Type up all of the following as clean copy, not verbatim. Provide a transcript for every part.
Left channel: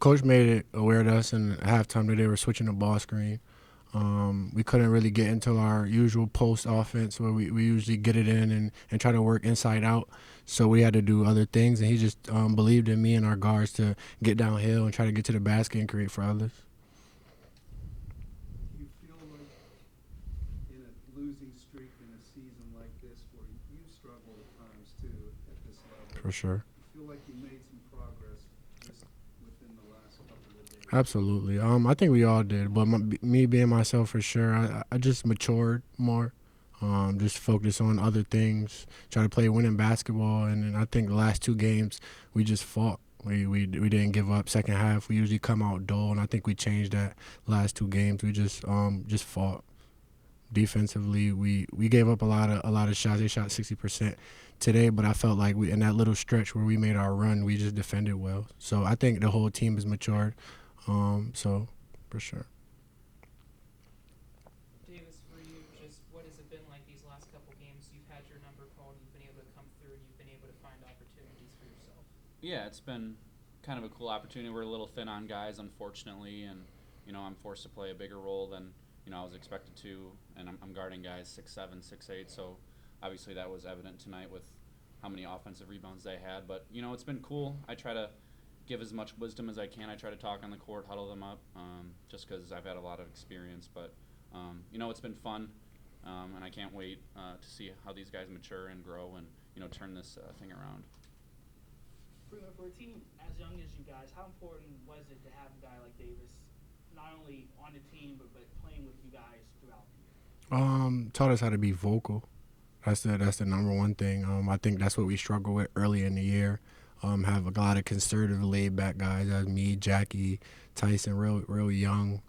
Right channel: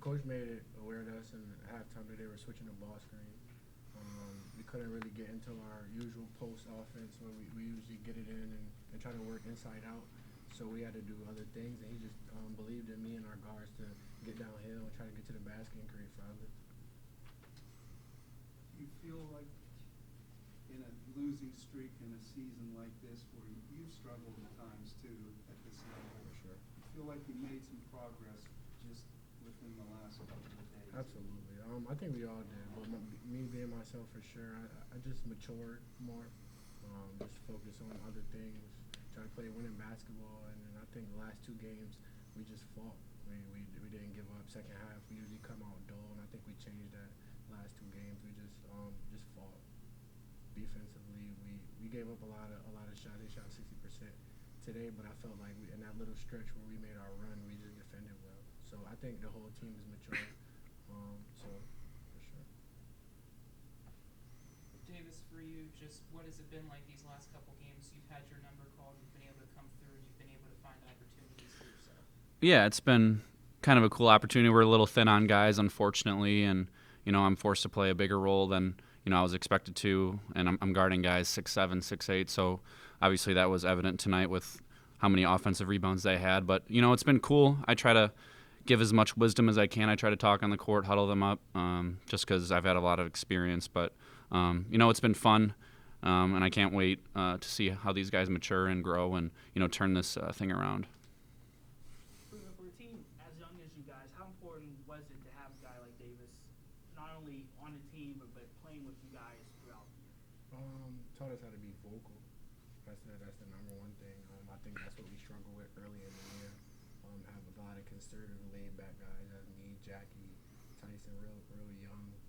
Coach made it aware to us in halftime that they were switching the ball screen. We couldn't really get into our usual post offense where we usually get it in and try to work inside out. So we had to do other things, and he just believed in me and our guards to get downhill and try to get to the basket and create for others. Do you feel like in a losing streak in a season like this where you've struggled at times too at this level, For sure. you feel like you made some progress just within the last couple of days? Absolutely. I think we all did, but me being myself for sure, I just matured more. Just focus on other things, try to play winning basketball, and then I think the last two games we just fought. We didn't give up. Second half we usually come out dull, and I think we changed that last two games. We just fought defensively. We gave up a lot of shots. They shot 60% today, but I felt like we in that little stretch where we made our run, we just defended well. So I think the whole team is matured. So for sure. Davis, for you, just what has it been like these last couple games? You've had your number called, you've been able to come through, you've been able to find opportunities for yourself. Yeah, it's been kind of a cool opportunity. We're a little thin on guys, unfortunately, and I'm forced to play a bigger role than I was expected to, and I'm guarding guys 6'7", 6'8", so obviously that was evident tonight with how many offensive rebounds they had. But it's been cool. I try to give as much wisdom as I can. I try to talk on the court, huddle them up, just because I've had a lot of experience. But it's been fun, and I can't wait to see how these guys mature and grow and turn this thing around. For a team as young as you guys, how important was it to have a guy like Davis, not only on the team but playing with you guys throughout the year? Taught us how to be vocal. That's the number one thing. I think that's what we struggle with early in the year. Have a lot of conservative, laid back guys as me, Jackie, Tyson, real young,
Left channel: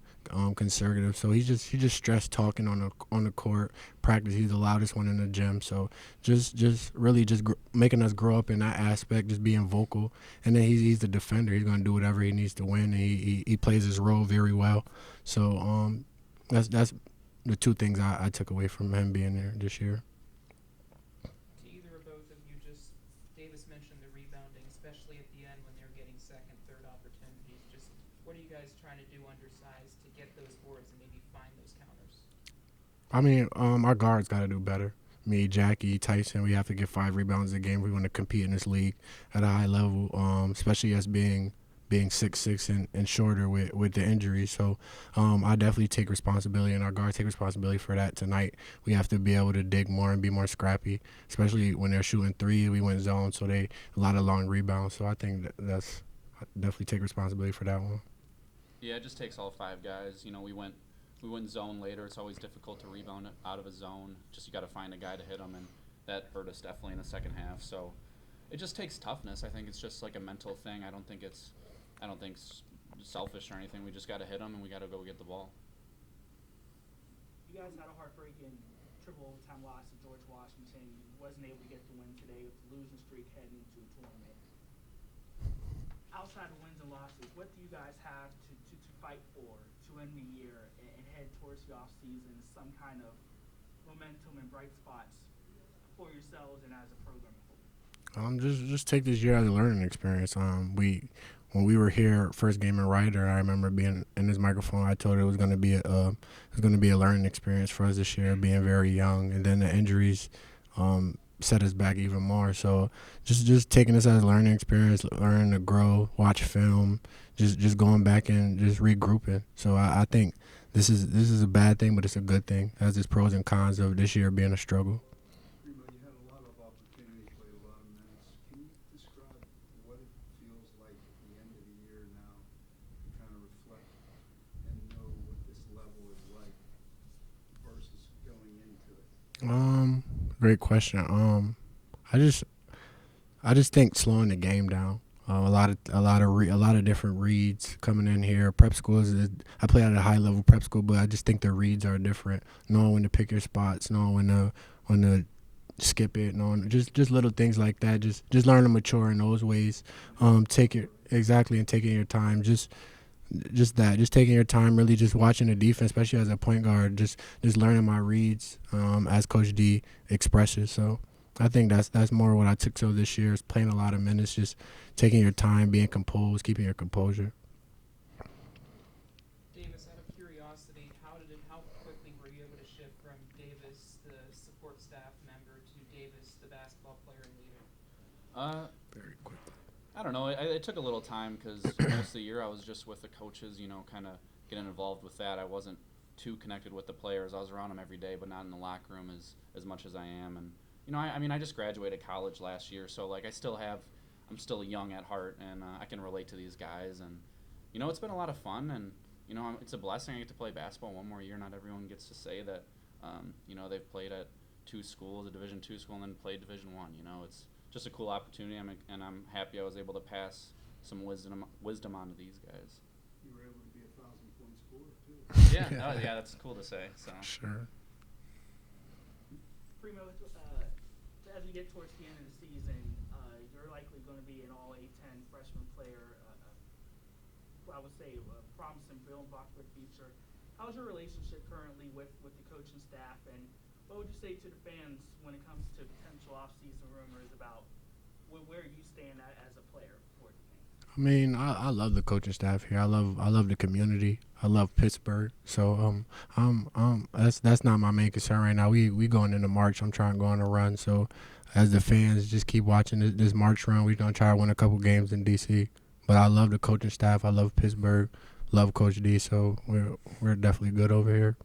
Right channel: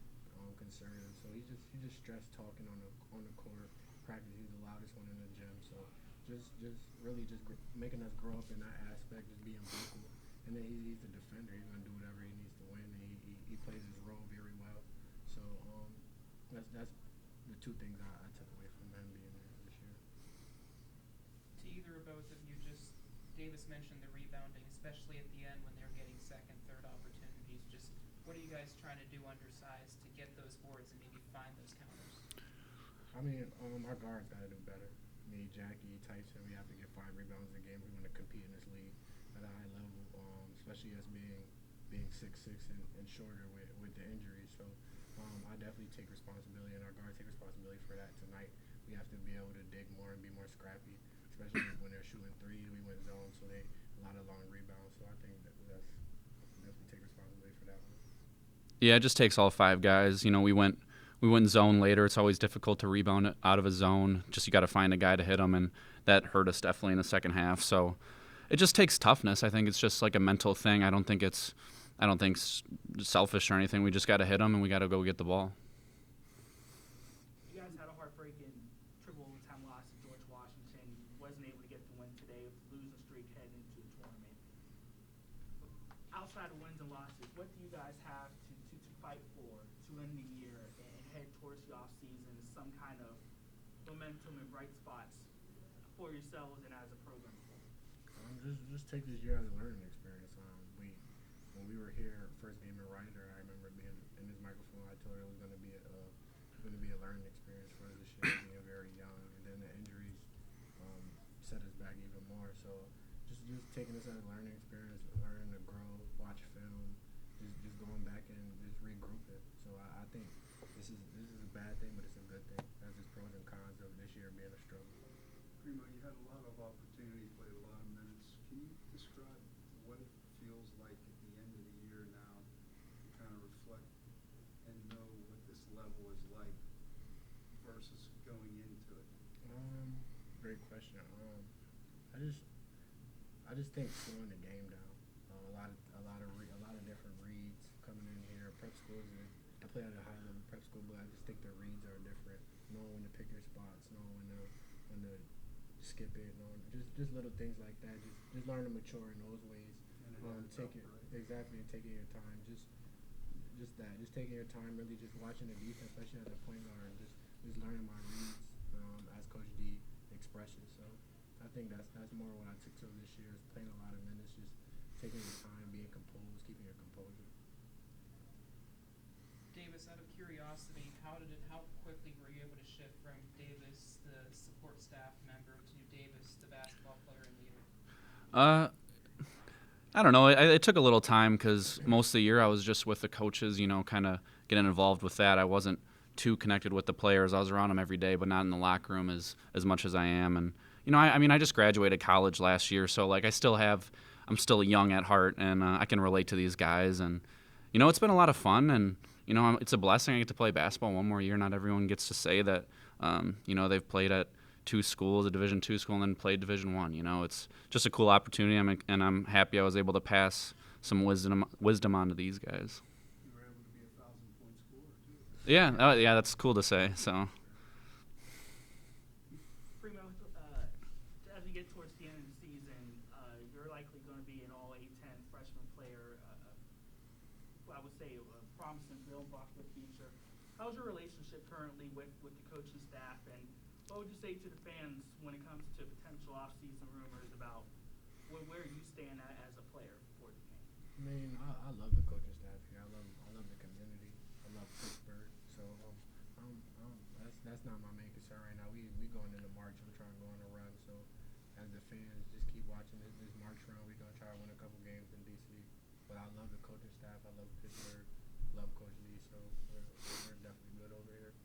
conservative. So he just stressed talking on the court. Practice, he's the loudest one in the gym. So just really making us grow up in that aspect, just being vocal. And then he's the defender. He's gonna do whatever he needs to win. And he plays his role very well. So that's the two things I took away from him being there this year. To either or both of you, just Davis mentioned the rebounding, especially at the end when they're getting second, third opportunities. Just what are you guys trying to do undersized to get those boards and maybe find those counters? I mean, our guards got to do better. Me, Jackie, Tyson, we have to get 5 rebounds a game if we want to compete in this league at a high level, especially as being 6'6" and shorter with the injuries. So I definitely take responsibility, and our guards take responsibility for that tonight. We have to be able to dig more and be more scrappy, especially when they're shooting 3. We went zone, so they a lot of long rebounds. So I think that's I definitely take responsibility for that one. Yeah, it just takes all 5 guys. We went zone later. It's always difficult to rebound it out of a zone. Just you got to find a guy to hit them, and that hurt us definitely in the second half. So it just takes toughness. I think it's just like a mental thing. I don't think it's selfish or anything. We just got to hit them, and we got to go get the ball. You guys had a heartbreaking triple overtime loss to George Washington. You wasn't able to get the win today with the losing streak heading into the tournament. Outside of wins and losses, what do you guys have to fight for to end the year and head towards the off season? Some kind of momentum and bright spots for yourselves and as a program. Just take this year as a learning experience. When we were here first game in Ryder, I remember being in this microphone. I told it was going to be a learning experience for us this year, being very young, and then the injuries set us back even more. So just taking this as a learning experience, learning to grow, watch film, just going back and just regrouping. So I think this is a bad thing, but it's a good thing. Has its pros and cons of this year being a struggle. Primo, you had a lot of opportunity, played a lot of minutes. Can you describe what it feels like at the end of the year now to kind of reflect and know what this level is like versus going into it? Great question. I just think slowing the game down. A lot of different reads coming in here. Prep school I play at a high level prep school, but I just think the reads are different. Knowing when to pick your spots, knowing when to skip it, knowing just little things like that. Just learn to mature in those ways. Take it exactly and taking your time. Just taking your time, really just watching the defense, especially as a point guard. Just learning my reads as Coach D expresses. So I think that's more what I took to this year is playing a lot of minutes, just taking your time, being composed, keeping your composure. Davis, out of curiosity, how quickly were you able to shift from Davis, the support staff member, to Davis, the basketball player and leader? Uh, I don't know. It took a little time because most of the year I was just with the coaches, kind of getting involved with that. I wasn't too connected with the players. I was around them every day, but not in the locker room as much as I am. And I mean, I just graduated college last year, so like I'm still young at heart, and I can relate to these guys. And it's been a lot of fun, and it's a blessing I get to play basketball one more year. Not everyone gets to say that. They've played at two schools, a Division II school, and then played Division I. It's just a cool opportunity, and I'm happy I was able to pass some wisdom on to these guys. You were able to be a 1,000-point scorer, too. Yeah, yeah, that's cool to say. So. Sure. Primo, as we get towards the end of the season, you're likely going to be an all A10 freshman player. I would say a promising building block for the future. How's your relationship currently with the coaching staff, and what would you say to the fans when it comes to potential off-season rumors about where you stand as a player for the game? I mean, I love the coaching staff here. I love the community. I love Pittsburgh. So that's not my main concern right now. We going into March. I'm trying to go on a run. So as the fans, just keep watching this March run. We're gonna try to win a couple games in DC. But I love the coaching staff. I love Pittsburgh. Love Coach D. So we're definitely good over here.